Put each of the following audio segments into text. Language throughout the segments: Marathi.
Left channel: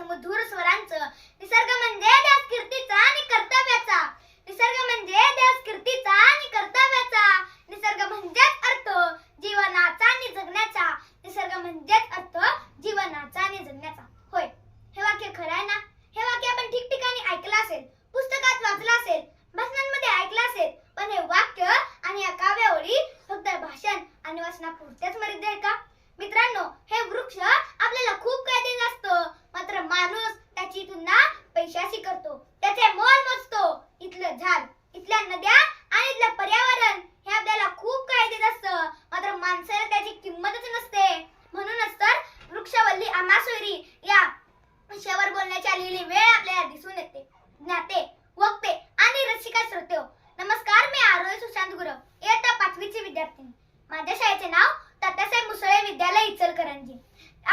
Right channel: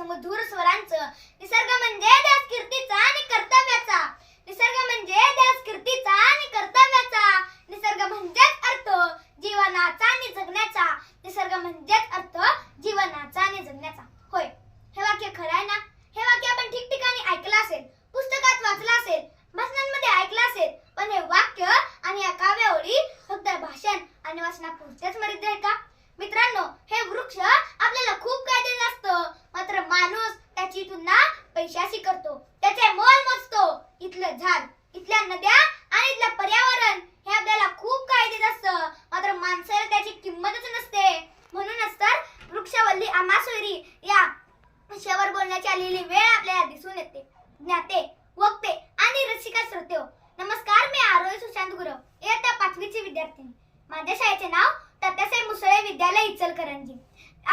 सुमधुर स्वरांचं निसर्ग म्हणजे त्याच कीर्तीचा आणि कर्तव्याचा. निसर्ग म्हणजे त्याच कीर्तीचा आणि कर्तव्याचा. निसर्ग म्हणजेच अर्थ जीवनाचा आणि जगण्याचा. निसर्ग म्हणजेच अर्थ जीवनाचा आणि जगण्याचा. होय हे वाक्य खरं आहे ना? हे वाक्य आपण ठिकठिकाणी ऐकलं असेल पुस्तकात वाचलं असेल भाषणांमध्ये ऐकलं असेल पण हे वाक्य आणि या काव्यावळी फक्त भाषण आणि वाचनापुरतेच मर्यादित आहे का? मित्रांनो हे वृक्ष आपल्याला खूप काय देत असतं मात्र माणूस त्याची तुलना पैशाशी करतो त्याचे मोल मोजतो इथलं झाड इथल्या नद्या आणि इथलं पर्यावरण हे आपल्याला खूप काय देत असतं. मात्र माणसाला त्याची किंमतच नसते. म्हणूनच तर वृक्षवल्ली आमासोयरी या विषयावर बोलण्याची आलेली वेळ आपल्याला दिसून येते. ज्ञाते वक्ते आणि रसिका श्रोते नमस्कार मी आरोय सुशांत गुरव इयत्ता पाचवीची विद्यार्थिनी. माझ्या शाळेचे नाव तात्यासाहेब मुसळे विद्यालय इचलकरंजी.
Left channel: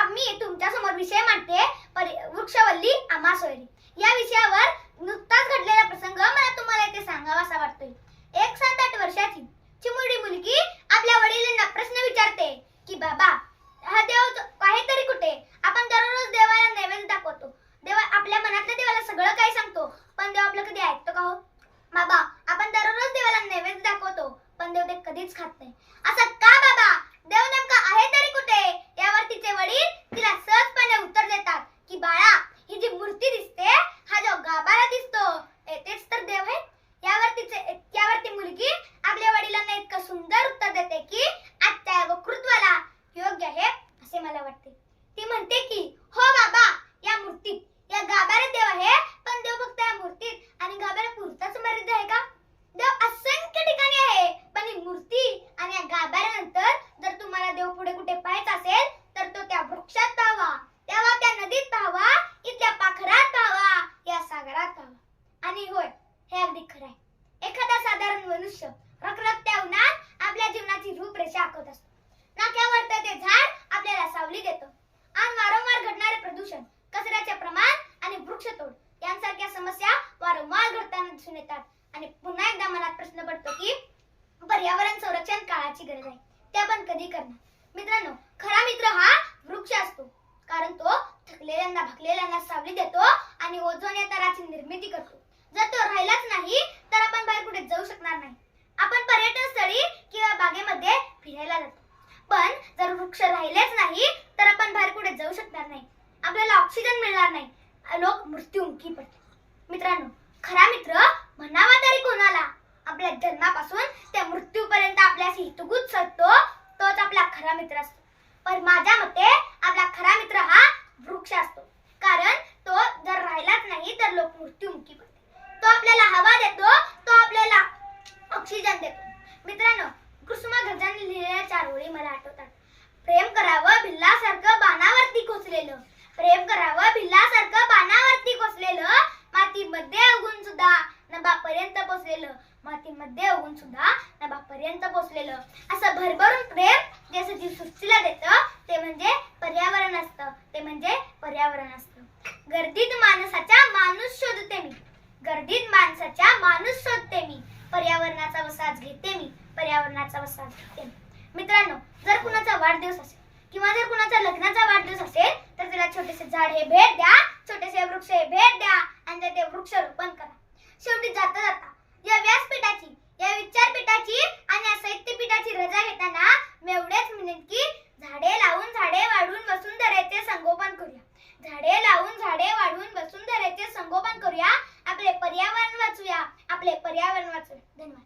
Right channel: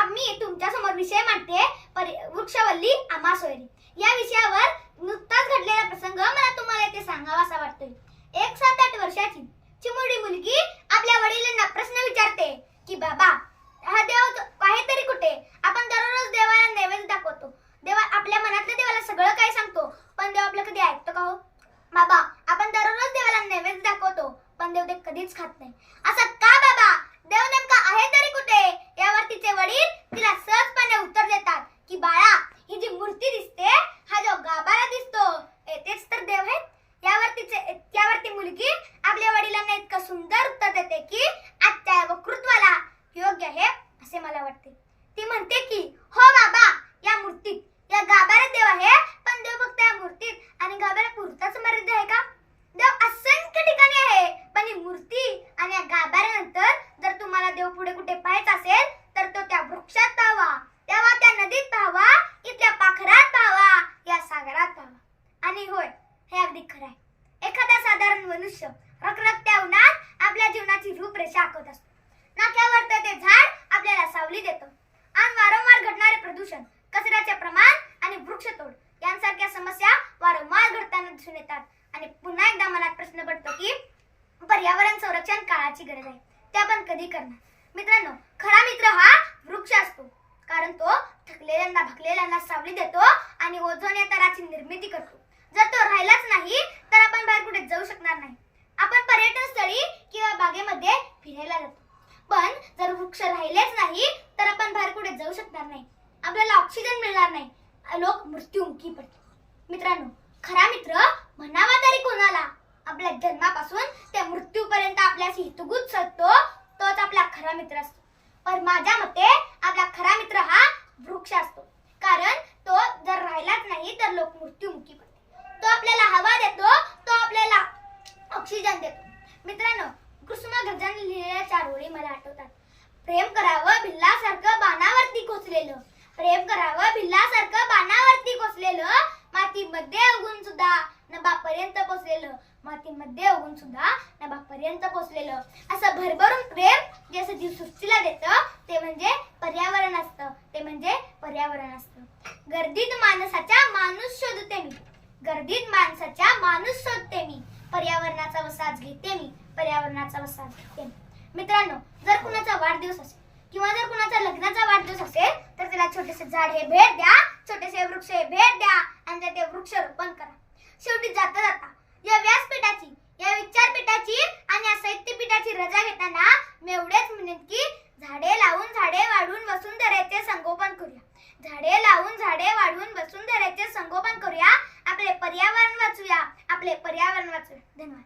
मी तुमच्यासमोर विषय मांडते वृक्षवल्ली वृक्षवल्ली आमासोयरी. या विषयावर नुकताच घडलेला प्रसंग मला तुम्हाला येथे सांगावा असा वाटतोय. एक सात आठ वर्षाची चिमुरडी मुलगी आपल्या वडील प्रश्न विचारते की बाबा हा देव तो- आहे तरी कुठे आपण दररोज देवाला नैवेद्य दाखवतो देवा आपल्या मनातल्या देवाला सगळं काही सांगतो पण देव आपलं कधी ऐकतो का हो बाबा आपण दररोज देवाला नैवेद्य दाखवतो पण देव ते कधीच खात नाही असं का बाबा देव नेमका आहे तरी कुठे यावर तिचे वडील तिला सहजपणे उत्तर देतात की बाळा ही जी मूर्ती दिसते हा जो गाभारा दिसतो ए, तेच तर देव आहे यावर तिचे त्यावर ती मुलगी आपल्या वडिलांना इतकं सुंदर उत्तर देते की आजच्या वक्तृत्वाला योग्य आहे असे मला वाटते ती म्हणते की हो बाबा या मूर्तीत या गाभाऱ्यात देव आहे पण देव फक्त या मूर्तीत आणि गाभाऱ्या पुरताच मर्यादित आहे का देव असंख्य ठिकाणी आहे पण ही मूर्ती आणि या गाभाऱ्यानंतर जर तुम्हाला देव पुढे कुठे पाहायचा असेल तर तो त्या वृक्षात पाहावा तेव्हा त्या नदीत पाहावा इथल्या पाखरात पाहावा या सागरात पाहावा आणि होय हे अगदी खरं आहे एखादा साधारण मनुष्य रखरखत्या उन्हात आपल्या जीवनाची रूपरेषा आखत असतो. नाक्यावर ते झाड आपल्याला सावली देतो. आणि वारंवार घडणारे प्रदूषण कचऱ्याचे प्रमाण आणि वृक्षतोड यांसारख्या समस्या वारंवार घडताना दिसून येतात. आणि पुन्हा एकदा मनात प्रश्न पडतो की पर्यावरण संरक्षण काळाची गरज आहे. ते आपण कधी करणार? मित्रांनो खरा मित्र हा वृक्ष असतो. कारण तो थकलेल्यांना भकलेल्यांना सावली देतो आणि ओझोन या तराची निर्मिती करतो. जर तो राहिलाच नाही तर आपण बाहेर कुठे जाऊ शकणार नाही आपण पर्यटन स्थळी किंवा बागेमध्ये फिरायला जातो पण जर वृक्ष राहिलेच नाही तर आपण बाहेर कुठे जाऊ शकणार नाही आपल्याला ऑक्सिजन मिळणार नाही. लोक मृत्युमुखी पडतील मित्रांनो खरा मित्र म्हणावा तरी कोणाला? आपल्या जन्मापासून त्या मृत्यूपर्यंत आपल्याशी हितगुज असतो तोच आपला खरा मित्र असतो. पण माझ्या मते आपला खरा मित्र हा वृक्ष असतो. कारण तो जर राहिलाच नाही तर लोक मृत्युमुखी पडतील तो आपल्याला हवा देतो तो आपल्याला ऑक्सिजन देतो. मित्रांनो कुसुमाग्रजांनी लिहिलेल्या चार ओळी मला आठवतात. प्रेम करावं भिल्लासारखं बाणावरती कोचलेलं प्रेम करावं भिल्लासारखं पानावरती कोसलेलं मातीमध्ये उगून सुद्धा नभापर्यंत पोचलेलं मातीमध्ये उगून सुद्धा नभापर्यंत पोचलेलं असं भरभरून प्रेम जे असं जीव सृष्टीला देतं ते म्हणजे पर्यावरण असतं. ते म्हणजे पर्यावरण असतं. गर्दीत माणसाच्या माणूस शोधते मी. गर्दीत माणसाच्या माणूस शोधते मी. पर्यावरणाचा वसाज घेते मी. पर्यावरणाचा वसाज घेते मी. मित्रांनो जर कुणाचा वाढदिवस असेल किंवा जर कुणाचा लग्नाचा वाढदिवस असेल तर त्याला छोटेसे झाड हे भेट द्या छोटेसे वृक्ष हे भेट द्या आणि ते वृक्षरोपण करा. शेवटी जाता जाता या व्यासपीठाची या विचारपीठाची आणि या साहित्यपीठाची रजा घेताना मी एवढेच म्हणेन की झाडे लावून झाडे वाढून वसुंधरेचे संगोपन करूया. झाडे लावून झाडे वाढून वसुंधरेचे संगोपन करूया. आपले पर्यावरण वाचूया. आपले पर्यावरण वाचूया. धन्यवाद.